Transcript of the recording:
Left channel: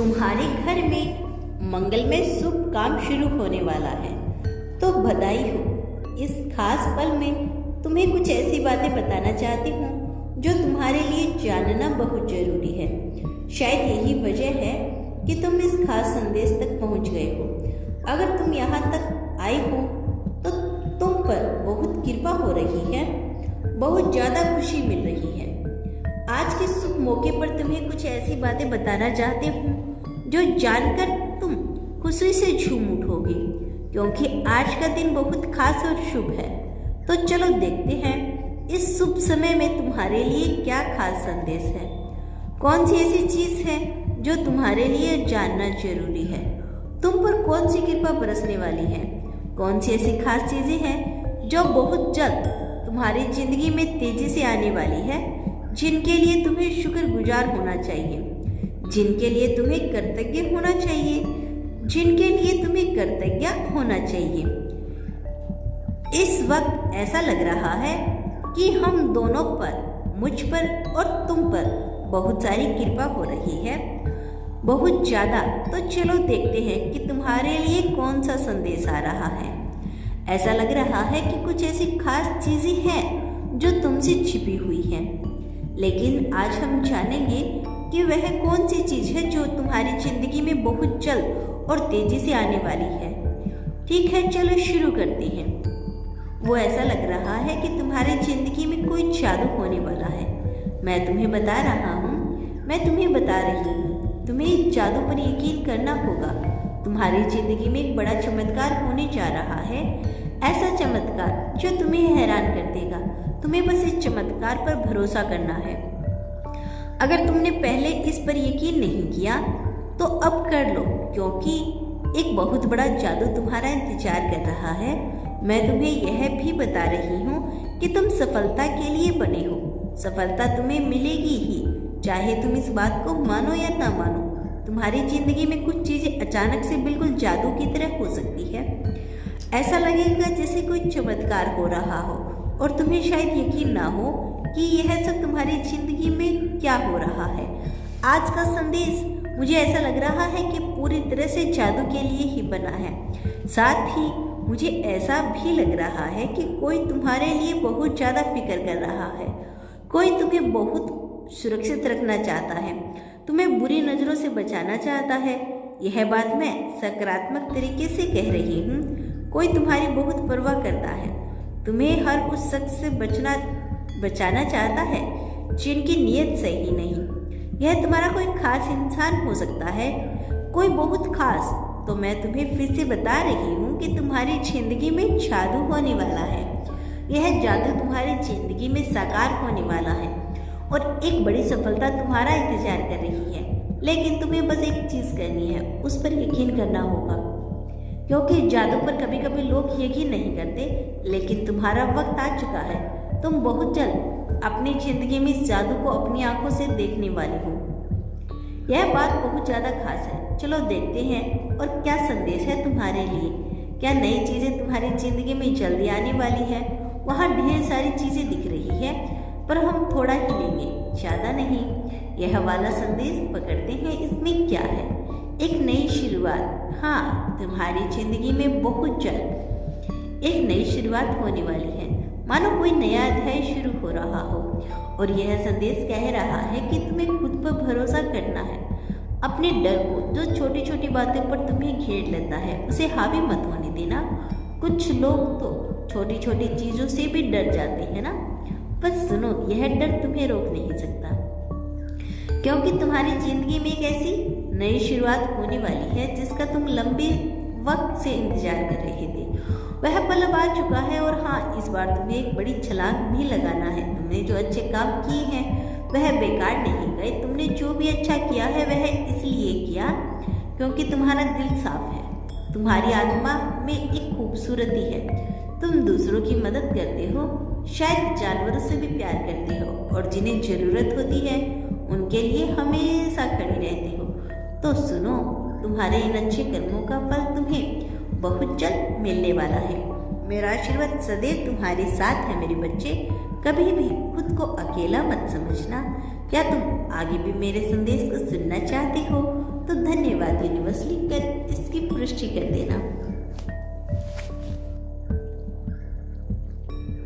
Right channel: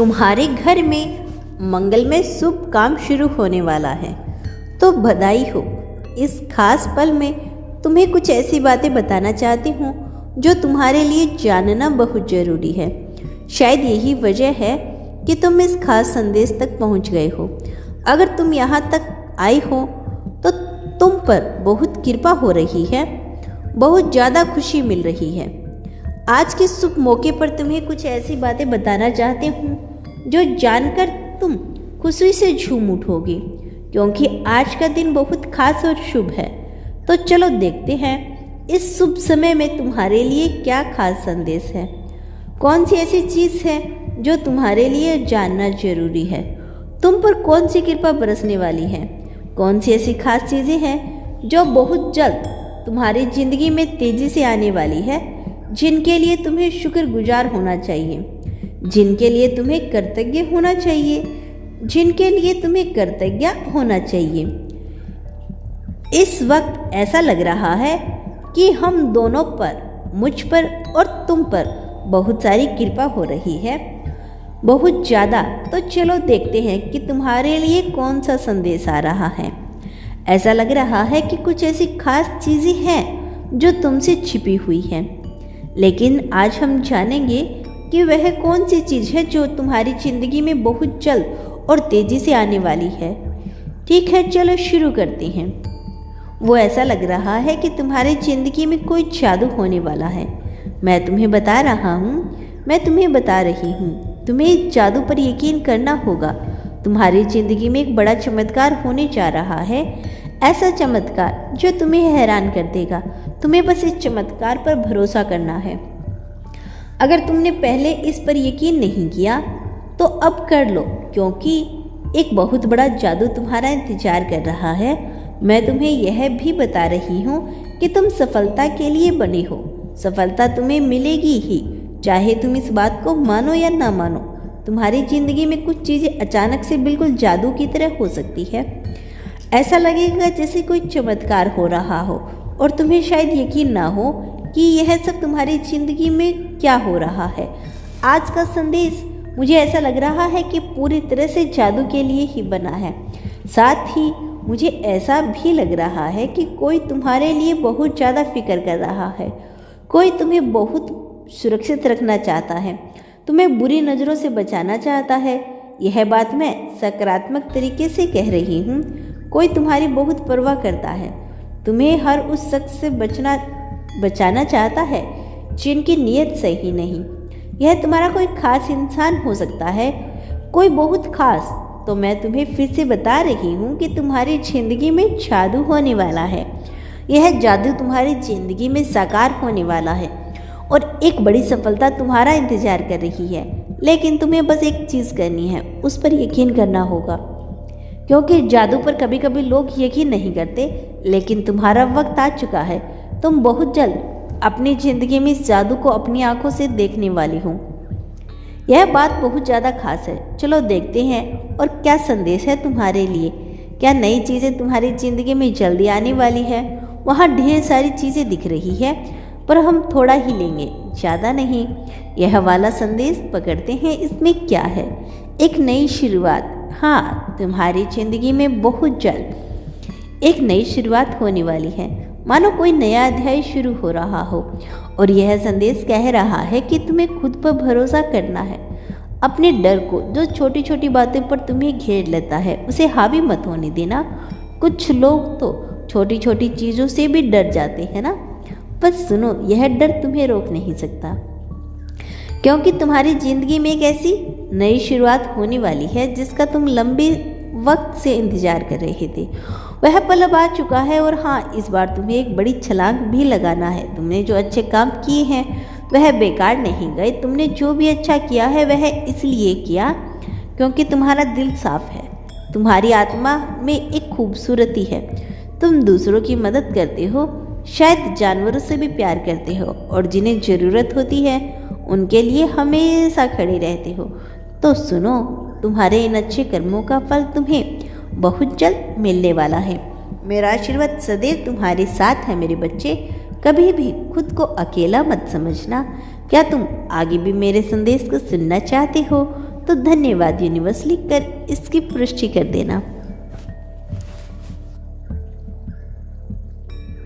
तुम्हारे घर में मंगलमय शुभ काम शुरू होने वाला है, तो बधाई हो। इस खास पल में तुम्हें कुछ ऐसी बातें बताना चाहती हूँ जो तुम्हारे लिए जानना बहुत ज़रूरी है। शायद यही वजह है कि तुम इस खास संदेश तक पहुँच गए हो। अगर तुम यहाँ तक आई हो तो तुम पर बहुत कृपा हो रही है, बहुत ज़्यादा खुशी मिल रही है। आज के शुभ मौके पर तुम्हें कुछ ऐसी बातें बताना चाहती हूँ जो जानकर तुम खुशी से झूम उठोगी, क्योंकि आज का दिन बहुत खास और शुभ है। तो चलो देखते हैं इस शुभ समय में तुम्हारे लिए क्या खास संदेश है। कौन सी ऐसी चीज़ है जो तुम्हारे लिए जानना जरूरी है। तुम पर कौन सी कृपा बरसने वाली है। कौन सी ऐसी खास चीज़ें हैं जो बहुत जल्द तुम्हारी ज़िंदगी में तेज़ी से आने वाली है, जिनके लिए तुम्हें शुक्रगुजार होना चाहिए, जिनके लिए तुम्हें कृतज्ञ होना चाहिए, जिनके लिए तुम्हें कृतज्ञ होना चाहिए। इस वक्त ऐसा लग रहा है कि हम दोनों पर, मुझ पर और तुम पर बहुत सारी कृपा हो रही है, बहुत ज़्यादा। तो चलो देखते हैं कि तुम्हारे लिए कौन सा संदेश आ रहा है। ऐसा लग रहा है कि कुछ ऐसी खास चीज़ें हैं जो तुमसे छिपी हुई हैं, लेकिन आज हम जानेंगे कि वह कौन सी चीज़ है जो तुम्हारी ज़िंदगी में बहुत जल्द और तेज़ी से आने वाली है। ठीक है, चलो शुरू करते हैं। वो ऐसा लग रहा है कि तुम्हारी ज़िंदगी में कोई जादू होने वाला है। मैं तुम्हें बता रहा हूँ, मैं तुम्हें बता रही हूँ, तुम्हें इस जादू पर यकीन करना होगा। तुम्हारी ज़िंदगी में एक बड़ा चमत्कार होने जा रहा है, ऐसा चमत्कार जो तुम्हें हैरान कर देगा। तुम्हें बस इस चमत्कार पर भरोसा करना है। अगर तुमने पहले इस पर यकीन नहीं किया तो अब कर लो, क्योंकि एक बहुत बड़ा जादू तुम्हारा इंतजार कर रहा है। मैं तुम्हें यह भी बता रही हूँ कि तुम सफलता के लिए बने हो। सफलता तुम्हें मिलेगी ही, चाहे तुम इस बात को मानो या ना मानो। तुम्हारी ज़िंदगी में कुछ चीज़ें अचानक से बिल्कुल जादू की तरह हो सकती है। ऐसा लगेगा जैसे कोई चमत्कार हो रहा हो और तुम्हें शायद यकीन ना हो कि यह सब तुम्हारी ज़िंदगी में क्या हो रहा है। आज का संदेश मुझे ऐसा लग रहा है कि पूरी तरह से जादू के लिए ही बना है। साथ ही मुझे ऐसा भी लग रहा है कि कोई तुम्हारे लिए बहुत ज़्यादा फिक्र कर रहा है। कोई तुम्हें बहुत सुरक्षित रखना चाहता है, तुम्हें बुरी नज़रों से बचाना चाहता है। यह बात मैं सकारात्मक तरीके से कह रही हूँ। कोई तुम्हारी बहुत परवाह करता है, तुम्हें हर उस शख्स से बचाना चाहता है जिनकी नीयत सही नहीं। यह तुम्हारा कोई खास इंसान हो सकता है, कोई बहुत खास। तो मैं तुम्हें फिर से बता रही हूँ कि तुम्हारी ज़िंदगी में जादू होने वाला है। यह जादू तुम्हारी ज़िंदगी में साकार होने वाला है और एक बड़ी सफलता तुम्हारा इंतजार कर रही है। लेकिन तुम्हें बस एक चीज़ करनी है, उस पर यकीन करना होगा, क्योंकि जादू पर कभी कभी लोग यकीन नहीं करते। लेकिन तुम्हारा वक्त आ चुका है। तुम बहुत जल्द अपनी ज़िंदगी में इस जादू को अपनी आंखों से देखने वाली हो। यह बात बहुत ज़्यादा खास है। चलो देखते हैं और क्या संदेश है तुम्हारे लिए। क्या नई चीज़ें तुम्हारी ज़िंदगी में जल्दी आने वाली है। वहाँ ढेर सारी चीज़ें दिख रही है, पर हम थोड़ा ही लेंगे, ज़्यादा नहीं। यह वाला संदेश पकड़ते हैं। इसमें क्या है? एक नई शुरुआत। हाँ, तुम्हारी ज़िंदगी में बहुत जल्द एक नई शुरुआत होने वाली है, मानो कोई नया अध्याय शुरू हो रहा हो। और यह संदेश कह रहा है कि तुम्हें खुद पर भरोसा करना है। अपने डर को, जो छोटी छोटी बातों पर तुम्हें घेर लेता है, उसे हावी मत होने देना। कुछ लोग तो छोटी छोटी चीज़ों से भी डर जाते हैं ना। बस सुनो, यह डर तुम्हें रोक नहीं सकता, क्योंकि तुम्हारी ज़िंदगी में एक ऐसी नई शुरुआत होने वाली है जिसका तुम लंबे वक्त से इंतजार कर रहे थे। वह पल अब आ चुका है। और हाँ, इस बार तुम्हें एक बड़ी छलांग भी लगाना है। तुमने जो अच्छे काम किए हैं वह बेकार नहीं गए। तुमने जो भी अच्छा किया है वह इसलिए किया क्योंकि तुम्हारा दिल साफ है, तुम्हारी आत्मा में एक खूबसूरती है। तुम दूसरों की मदद करते हो, शायद जानवरों से भी प्यार करते हो, और जिन्हें ज़रूरत होती है उनके लिए हमेशा खड़े रहते हो। तो सुनो, तुम्हारे इन अच्छे कर्मों का फल तुम्हें बहुत जल्द मिलने वाला है। मेरा आशीर्वाद सदैव तुम्हारे साथ है मेरे बच्चे। कभी भी खुद को अकेला मत समझना। क्या तुम आगे भी मेरे संदेश को सुनना चाहते हो? तो धन्यवाद यूनिवर्स लिखकर इसकी पुष्टि कर देना।